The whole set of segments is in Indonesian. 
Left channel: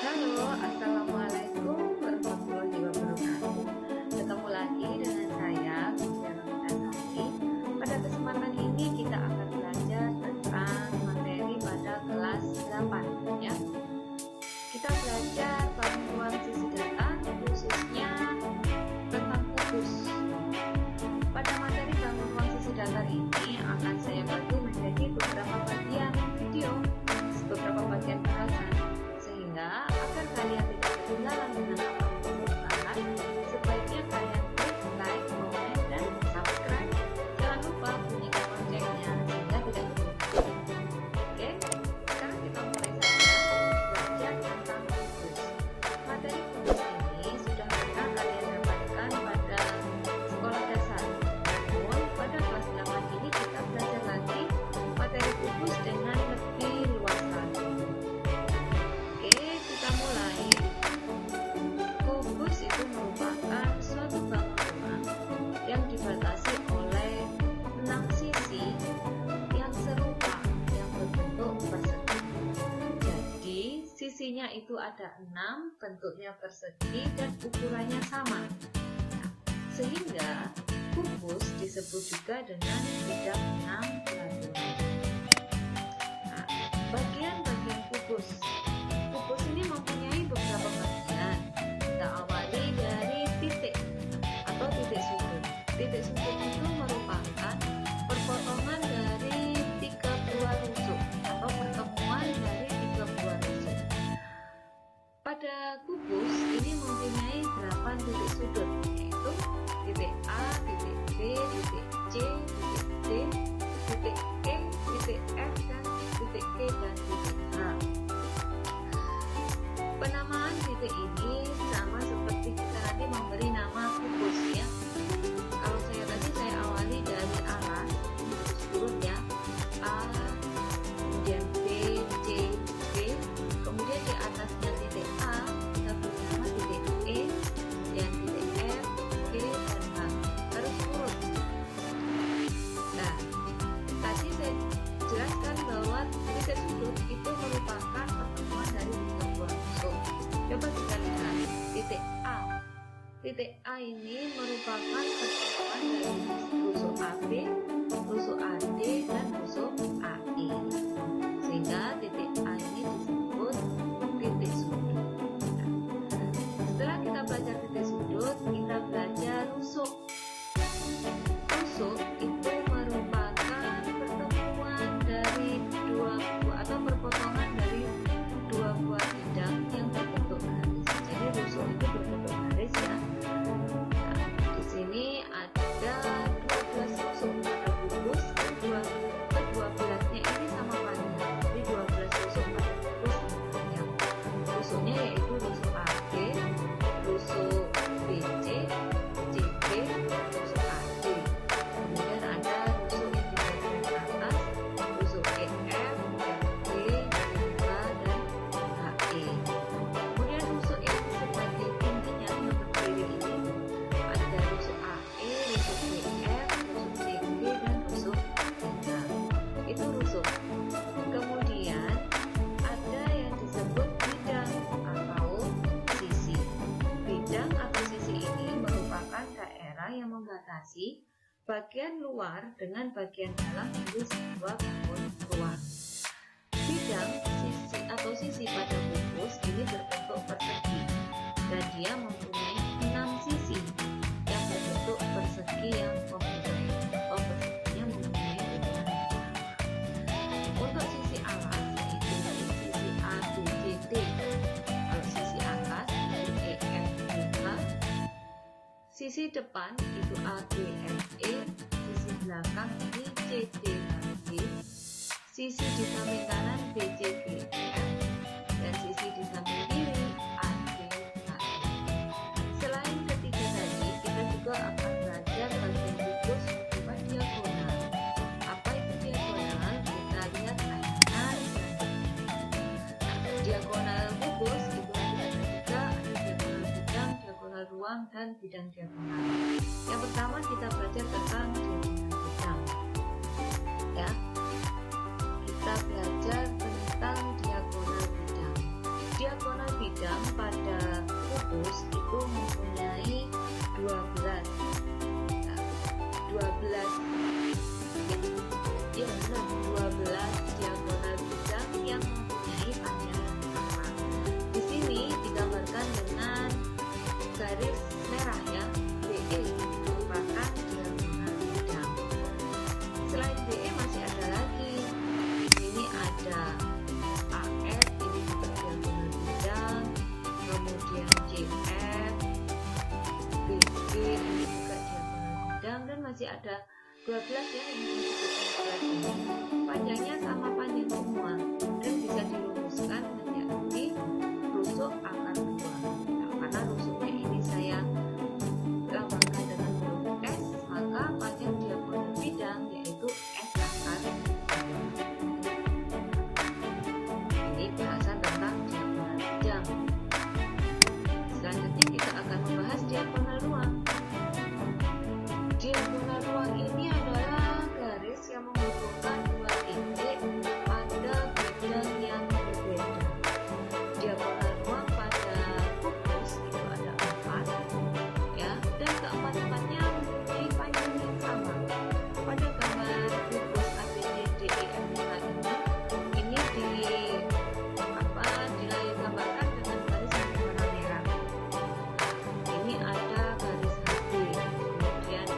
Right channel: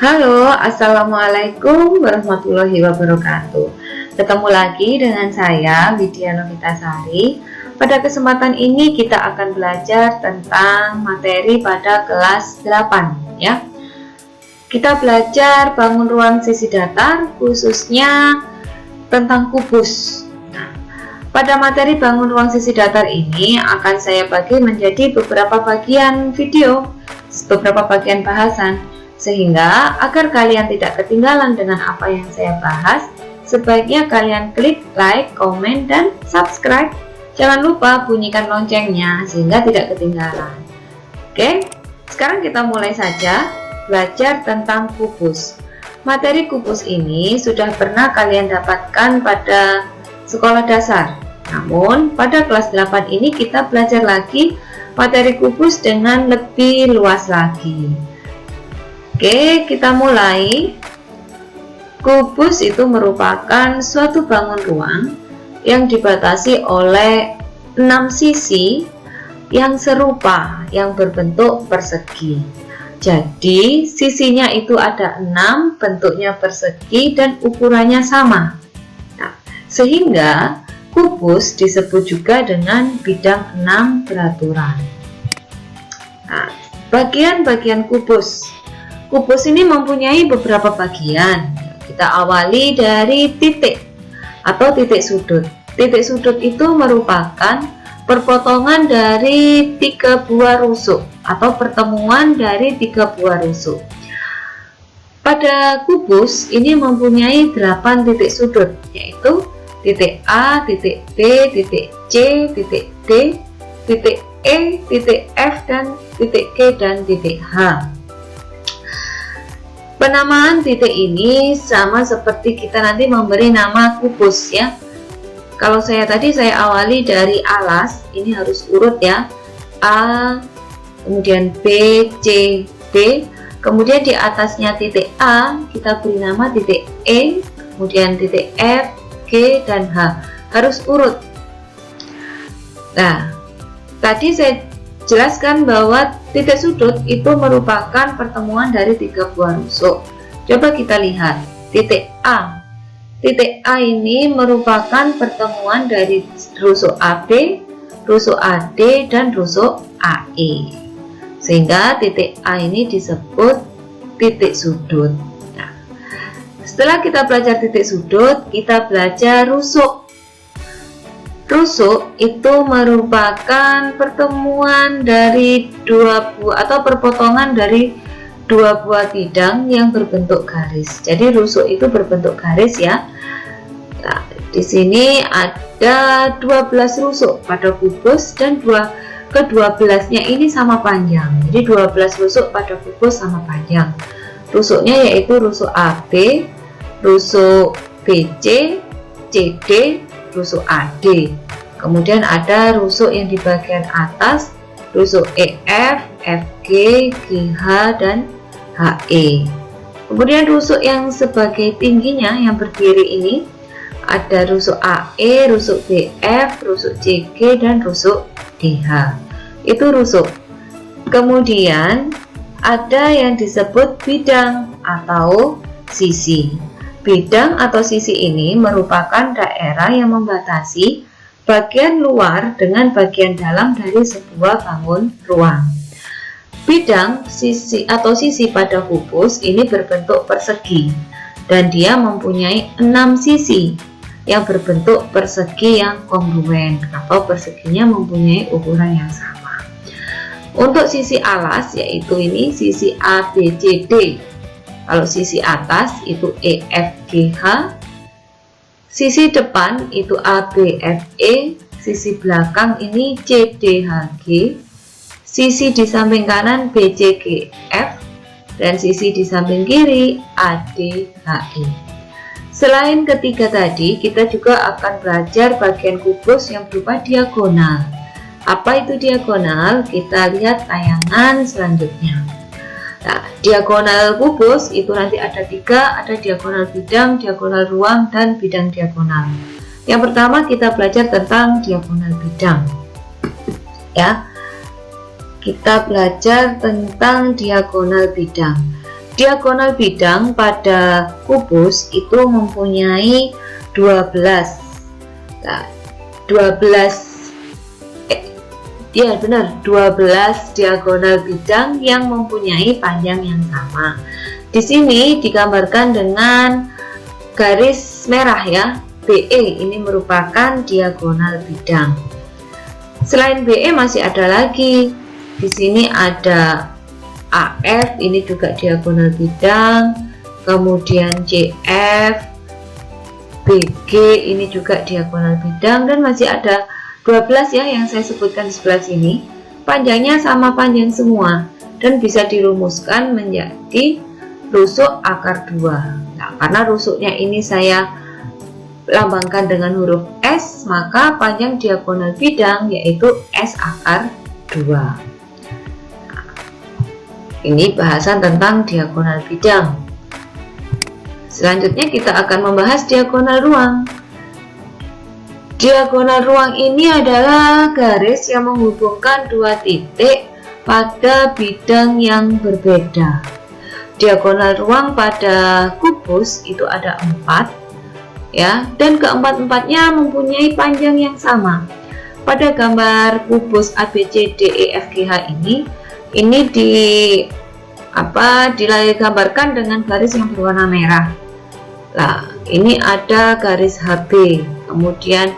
Halo, Assalamualaikum warahmatullahi wabarakatuh. Ketemu lagi dengan saya, Widya Novitasari. Pada kesempatan ini kita akan belajar tentang materi pada kelas 8 ya. Kita belajar bangun ruang sisi datar, khususnya tentang kubus. Pada materi bangun ruang sisi datar ini akan saya bagi menjadi beberapa bagian video, beberapa bagian bahasan. Sehingga agar kalian tidak ketinggalan dengan apa yang saya bahas, sebaiknya kalian klik like, komen, dan subscribe. Jangan lupa bunyikan loncengnya sehingga tidak ketinggalan. Oke, sekarang kita mulai saja belajar tentang kubus. Materi kubus ini sudah pernah kalian dapatkan pada sekolah dasar. Namun pada kelas 8 ini kita belajar lagi materi kubus dengan lebih luas lagi. Oke, kita mulai. Kubus itu merupakan suatu bangun ruang yang dibatasi oleh 6 sisi yang serupa, yang berbentuk persegi. Jadi, sisinya itu ada 6, bentuknya persegi dan ukurannya sama. Nah, sehingga kubus disebut juga dengan bidang 6 beraturan. Nah, bagian-bagian kubus. Kubus ini mempunyai beberapa bagian. Kita awali dari titik atau titik sudut. Titik sudut itu merupakan perpotongan dari 3 buah rusuk atau pertemuan dari 3 buah rusuk. Pada kubus ini mempunyai 8 titik sudut, yaitu titik A, titik B, titik C, titik D, titik E, titik F, dan titik G dan titik H. Penamaan titik ini sama seperti kita nanti memberi nama kubus ya. Kalau saya awali dari alas, ini harus urut ya. A, kemudian B, C, D, kemudian di atasnya titik A kita beri nama titik E, kemudian titik F, G, dan H. Harus urut. Nah, tadi saya jelaskan bahwa titik sudut itu merupakan pertemuan dari 3 buah rusuk. Coba kita lihat titik A. Titik A ini merupakan pertemuan dari rusuk AB, rusuk AD, dan rusuk AE. Sehingga titik A ini disebut titik sudut. Nah, setelah kita belajar titik sudut, kita belajar rusuk. Rusuk itu merupakan pertemuan dari 2 buah atau perpotongan dari 2 buah bidang yang berbentuk garis. Jadi rusuk itu berbentuk garis ya. Nah, di sini ada 12 rusuk pada kubus dan ke-12-nya ini sama panjang. Jadi 12 rusuk pada kubus sama panjang. Rusuknya yaitu rusuk AB, rusuk BC, CD, rusuk AD. Kemudian ada rusuk yang di bagian atas, rusuk EF, FG, GH, dan HE. Kemudian rusuk yang sebagai tingginya yang berdiri ini ada rusuk AE, rusuk BF, rusuk CG, dan rusuk DH. Itu rusuk. Kemudian ada yang disebut bidang atau sisi. Bidang atau sisi ini merupakan daerah yang membatasi bagian luar dengan bagian dalam dari sebuah bangun ruang. Bidang sisi atau sisi pada kubus ini berbentuk persegi dan dia mempunyai 6 sisi yang berbentuk persegi yang kongruen atau perseginya mempunyai ukuran yang sama. Untuk sisi alas yaitu ini sisi ABCD. Kalau sisi atas itu EFGH, sisi depan itu ABFE, sisi belakang ini CDHG, sisi di samping kanan BCGF, dan sisi di samping kiri ADHE. Selain ketiga tadi, kita juga akan belajar bagian kubus yang berupa diagonal. Apa itu diagonal? Kita lihat tayangan selanjutnya. Nah, diagonal kubus itu nanti ada 3, ada diagonal bidang, diagonal ruang, dan bidang diagonal. Yang pertama kita belajar tentang diagonal bidang. Ya, kita belajar tentang diagonal bidang. diagonal bidang pada kubus itu mempunyai 12. Nah, 12 diagonal bidang yang mempunyai panjang yang sama. Di sini digambarkan dengan garis merah ya. BE ini merupakan diagonal bidang. Selain BE masih ada lagi. Di sini ada AF, ini juga diagonal bidang. Kemudian CF, BG ini juga diagonal bidang, dan masih ada 12 ya yang saya sebutkan di sebelah sini. Panjangnya sama panjang semua dan bisa dirumuskan menjadi rusuk akar 2. Nah, karena rusuknya ini saya lambangkan dengan huruf S, maka panjang diagonal bidang yaitu S akar 2. Ini bahasan tentang diagonal bidang. Selanjutnya kita akan membahas diagonal ruang. Diagonal ruang ini adalah garis yang menghubungkan dua titik pada bidang yang berbeda. Diagonal ruang pada kubus itu ada 4 ya, dan keempat-empatnya mempunyai panjang yang sama. Pada gambar kubus ABCDEFGH ini digambarkan dengan garis yang berwarna merah. Nah, ini ada garis HB, kemudian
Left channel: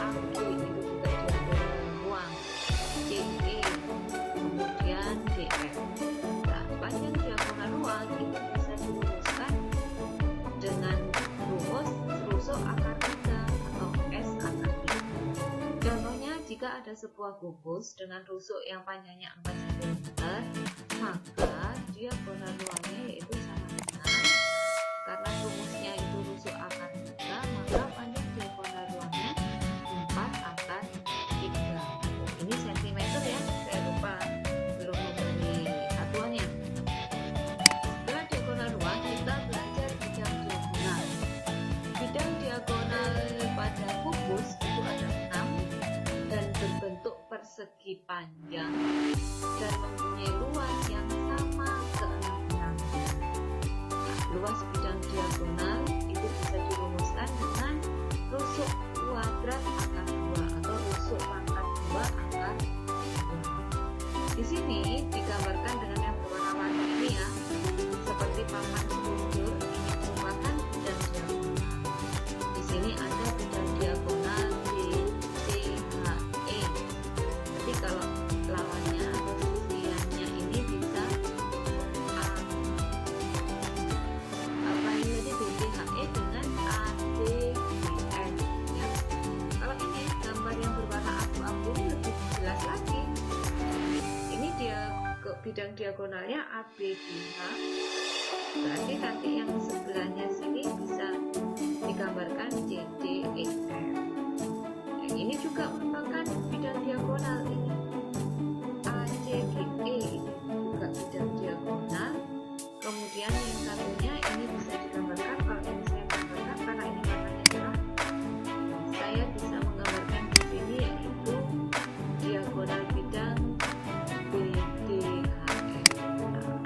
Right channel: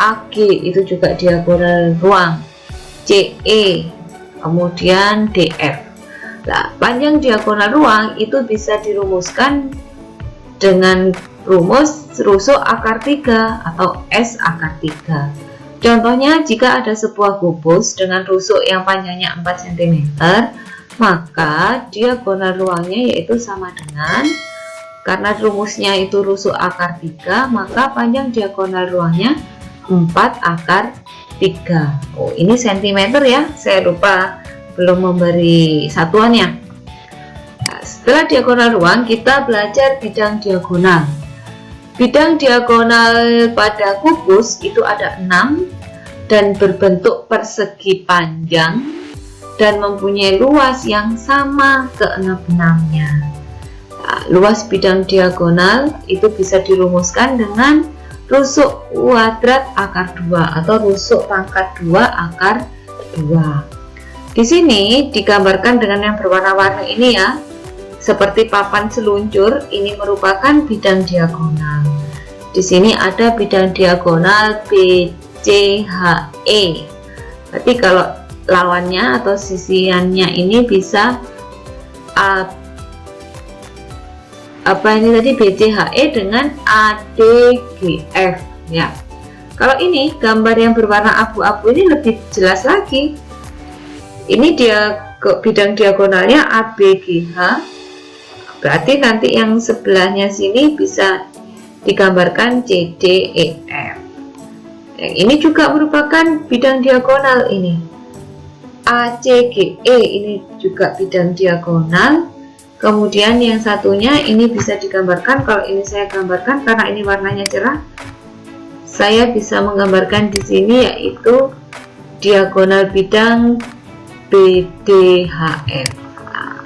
AG itu juga diagonal ruang, CE, kemudian DF. Nah, panjang diagonal ruang itu bisa dirumuskan dengan rumus rusuk akar 3 atau S akar 3. Contohnya, jika ada sebuah kubus dengan rusuk yang panjangnya 4 cm, maka diagonal ruangnya yaitu sama dengan, karena rumusnya itu rusuk akar 3, maka panjang diagonal ruangnya 4 akar 3. Oh, ini cm ya, saya lupa belum memberi satuannya. Nah, setelah diagonal ruang, kita belajar bidang diagonal. Bidang diagonal pada kubus itu ada 6 dan berbentuk persegi panjang dan mempunyai luas yang sama keenam-enamnya. Nah, luas bidang diagonal itu bisa dirumuskan dengan rusuk kuadrat akar 2 atau rusuk pangkat 2 akar 2. Di sini digambarkan dengan yang berwarna-warni ini ya, seperti papan seluncur. Ini merupakan bidang diagonal. Di sini ada bidang diagonal BCHE. Berarti kalau lawannya atau sisiannya ini bisa BCHE dengan ADGF ya. Kalau ini gambar yang berwarna abu-abu ini lebih jelas lagi. Ini dia bidang diagonalnya ABGH. Berarti nanti yang sebelahnya sini bisa digambarkan CDEF. Yang ini juga merupakan bidang diagonal ini. ACGE ini juga bidang diagonal. Kemudian yang satunya ini bisa digambarkan, kalau ini saya gambarkan karena ini warnanya cerah, saya bisa menggambarkan di sini yaitu diagonal bidang BDHF. Nah,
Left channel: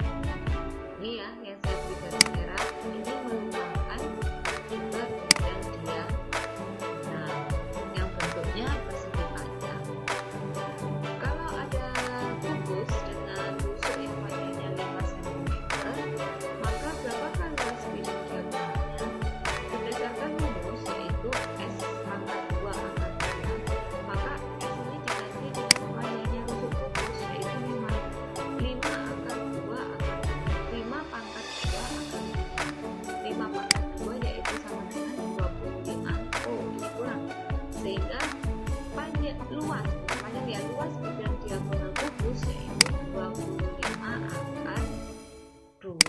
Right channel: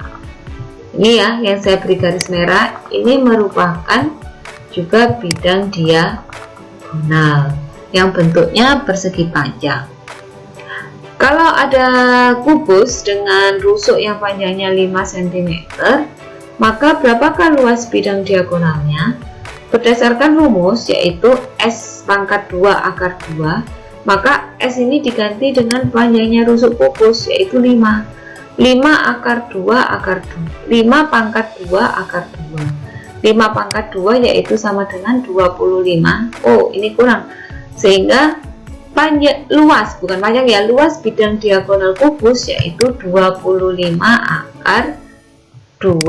ini ya yang saya beri garis merah, ini merupakan juga bidang diagonal yang bentuknya persegi panjang. Kalau ada kubus dengan rusuk yang panjangnya 5 cm, maka berapakah luas bidang diagonalnya? Berdasarkan rumus yaitu S pangkat 2 akar 2, maka S ini diganti dengan panjangnya rusuk kubus yaitu 5 akar 2 akar 2, 5 pangkat 2 akar 2. 5 pangkat 2 yaitu sama dengan 25. Oh, ini kurang. Sehingga luas bidang diagonal kubus yaitu 25 akar 2.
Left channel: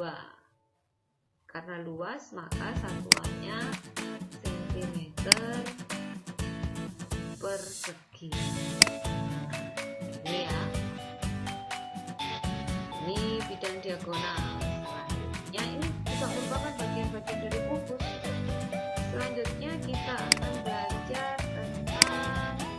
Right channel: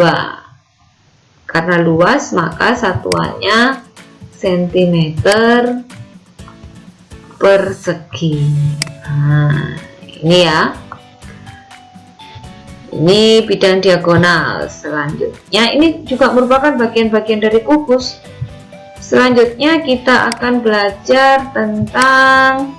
Karena luas maka satuannya cm persegi. Nah, ini ya. Ini bidang diagonal. Selanjutnya ini juga merupakan bagian-bagian dari kubus. Selanjutnya kita akan belajar tentang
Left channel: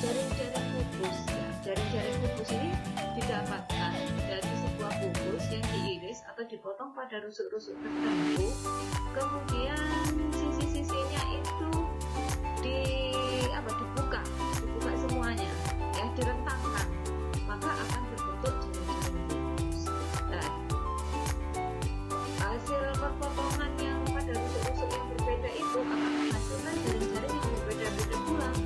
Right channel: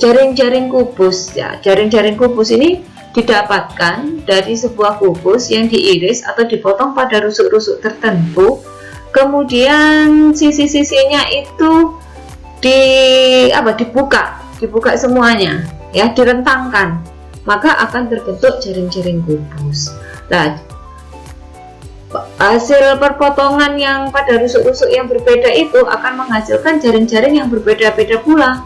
jaring-jaring kubus ya. Jaring-jaring kubus ini didapatkan dari sebuah kubus yang diiris atau dipotong pada rusuk-rusuk tertentu, kemudian sisi-sisinya itu dibuka semuanya ya, direntangkan, maka akan terbentuk jaring-jaring kubus. Nah, hasil perpotongan yang pada rusuk-rusuk yang berbeda itu akan menghasilkan jaring-jaring yang berbeda-beda pula.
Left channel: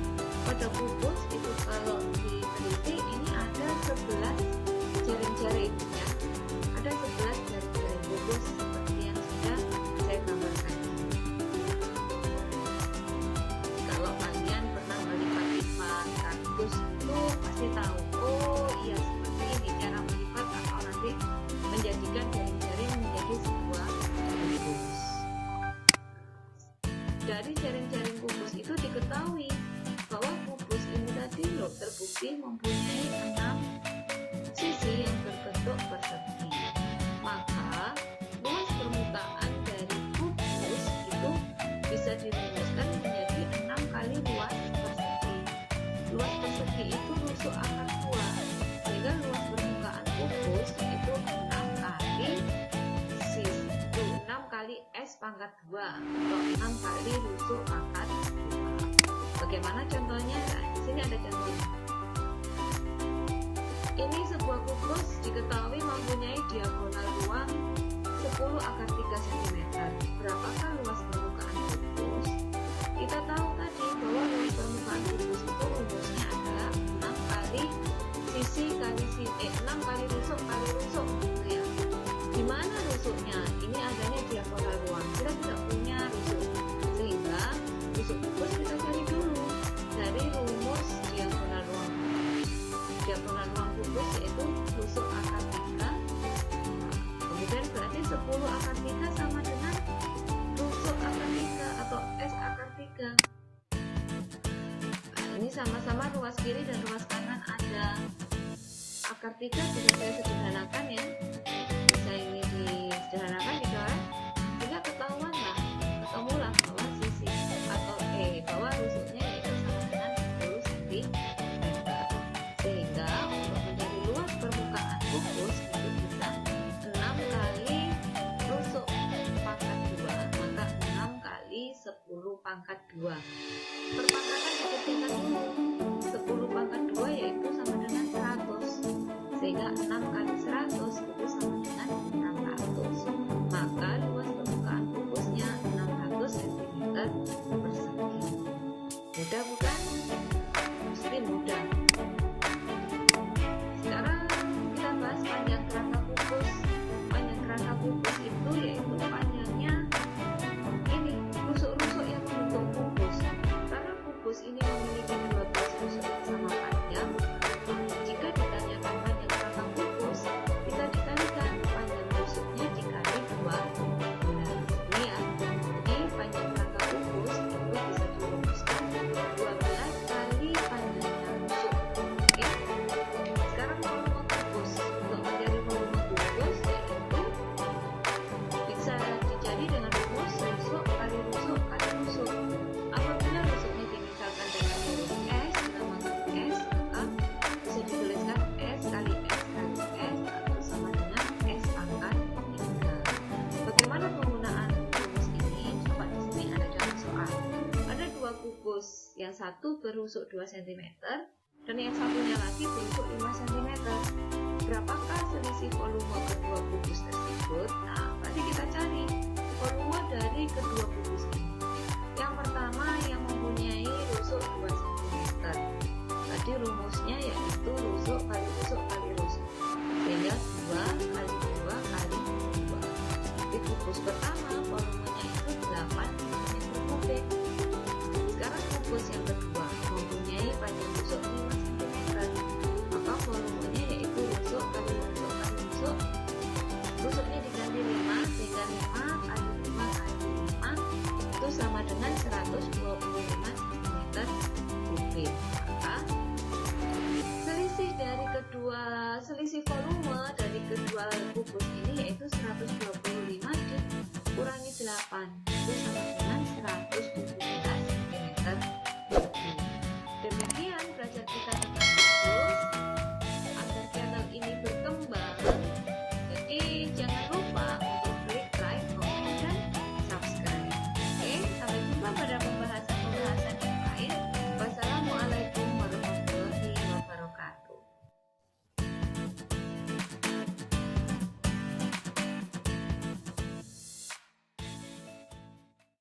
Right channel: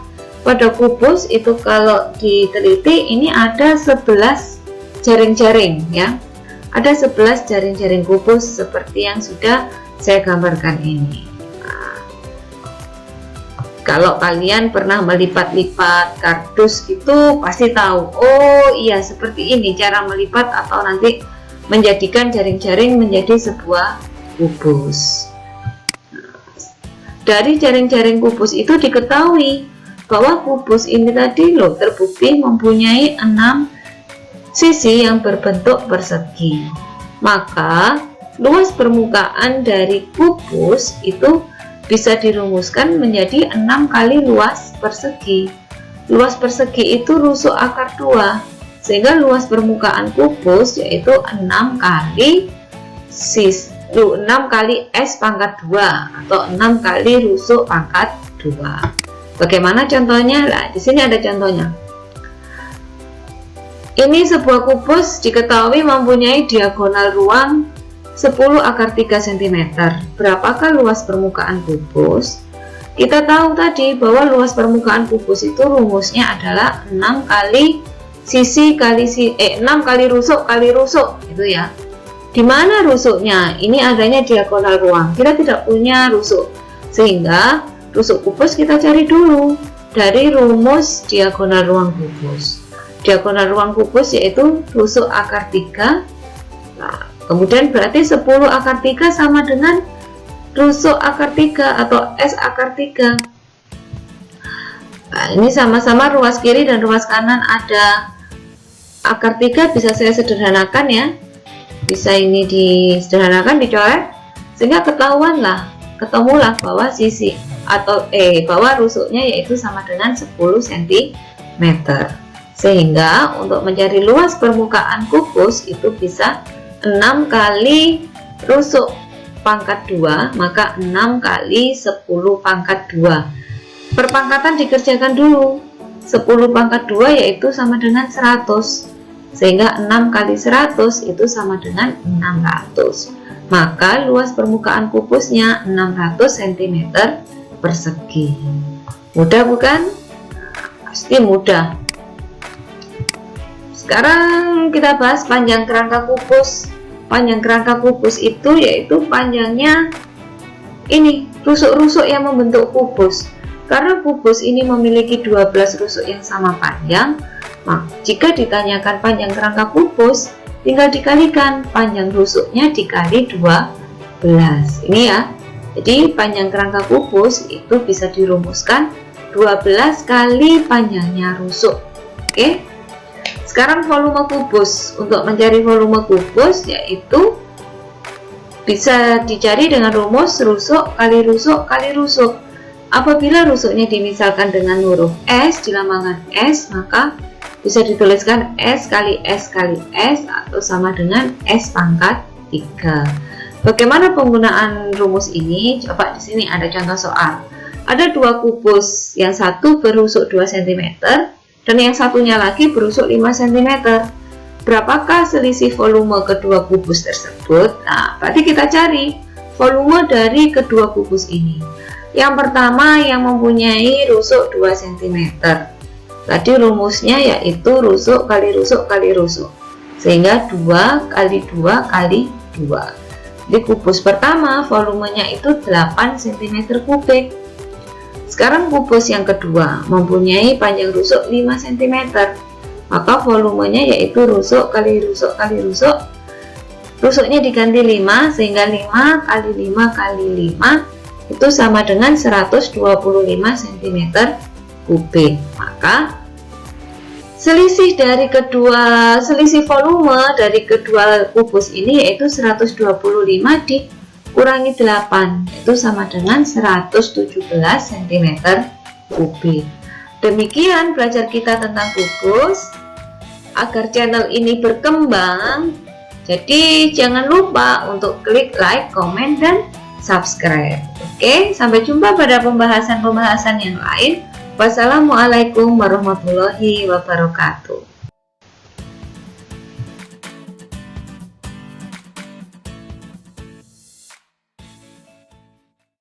Pada kubus itu kalau diteliti ini ada 11 jaring-jaring ya. Ada 11 jaring-jaring kubus seperti yang sudah saya gambarkan ini. Nah, kalau kalian pernah melipat-lipat kardus itu pasti tahu, oh iya seperti ini cara melipat atau nanti menjadikan jaring-jaring menjadi sebuah kubus. Dari jaring-jaring kubus itu diketahui bahwa kubus ini tadi loh terbukti mempunyai 6 sisi yang berbentuk persegi. Maka luas permukaan dari kubus itu bisa dirumuskan menjadi 6 kali luas persegi. Luas persegi itu rusuk akar 2, sehingga luas permukaan kubus yaitu 6 kali S pangkat 2 atau 6 kali rusuk pangkat 2. Bagaimana contohnya? Nah, di sini ada contohnya. Ini sebuah kubus diketahui mempunyai diagonal ruang 10 akar 3 cm. Berapakah luas permukaan kubus? Kita tahu tadi bahwa luas permukaan kubus itu rumusnya adalah 6 kali rusuk kali rusuk gitu ya. Di mana rusuknya? Ini adanya diagonal ruang. Kita tidak punya rusuk, sehingga rusuk kubus kita cari dulu dari rumus diagonal ruang kubus. Diagonal ruang kubus yaitu rusuk akar 3. Nah, kemudian berarti 10 akar 3 sama dengan rusuk akar 3 atau S akar 3. Nah, ini sama-sama ruas kiri dan ruas kanan ada akar 3, bisa saya sederhanakan ya. Bisa ini disederhanakan, dicoret, sehingga ketemulah bahwa sisi atau bahwa rusuknya yaitu sama dengan 10 cm. Sehingga untuk mencari luas permukaan kubus itu bisa 6 kali rusuk pangkat 2, maka 6 kali 10 pangkat 2. Perpangkatan dikerjakan dulu. 10 pangkat 2 yaitu sama dengan 100, sehingga 6 kali 100 itu sama dengan 600. Maka luas permukaan kubusnya 600 cm persegi. Mudah bukan? Pasti mudah. Sekarang kita bahas panjang kerangka kubus. Panjang kerangka kubus itu yaitu panjangnya ini rusuk-rusuk yang membentuk kubus. Karena kubus ini memiliki 12 rusuk yang sama panjang, jika ditanyakan panjang kerangka kubus, tinggal dikalikan panjang rusuknya dikali 12. Ini ya. Jadi panjang kerangka kubus itu bisa dirumuskan 12 kali panjangnya rusuk. Oke. Sekarang volume kubus. Untuk mencari volume kubus yaitu bisa dicari dengan rumus rusuk kali rusuk kali rusuk. Apabila rusuknya dimisalkan dengan huruf S, dilambangkan S, maka bisa dituliskan S kali S kali S atau sama dengan S pangkat 3. Bagaimana penggunaan rumus ini? Coba di sini ada contoh soal. Ada 2 kubus, yang satu berusuk 2 cm dan yang satunya lagi berusuk 5 cm. Berapakah selisih volume kedua kubus tersebut? Nah, berarti kita cari volume dari kedua kubus ini. Yang pertama yang mempunyai rusuk 2 cm. Tadi rumusnya yaitu rusuk kali rusuk kali rusuk. Sehingga 2 kali 2 kali 2. Di kubus pertama volumenya itu 8 cm kubik. Sekarang kubus yang kedua mempunyai panjang rusuk 5 cm. Maka volumenya yaitu rusuk kali rusuk kali rusuk. Rusuknya diganti 5 sehingga 5 kali 5 kali 5 itu sama dengan 125 cm kubik. Maka selisih volume dari kedua kubus ini yaitu 125 dikurangi 8 itu sama dengan 117 cm kubik. Demikian belajar kita tentang kubus. agar channel ini berkembang. Jadi jangan lupa untuk klik like, komen, dan subscribe. Oke, sampai jumpa pada pembahasan-pembahasan yang lain. Wassalamualaikum warahmatullahi wabarakatuh.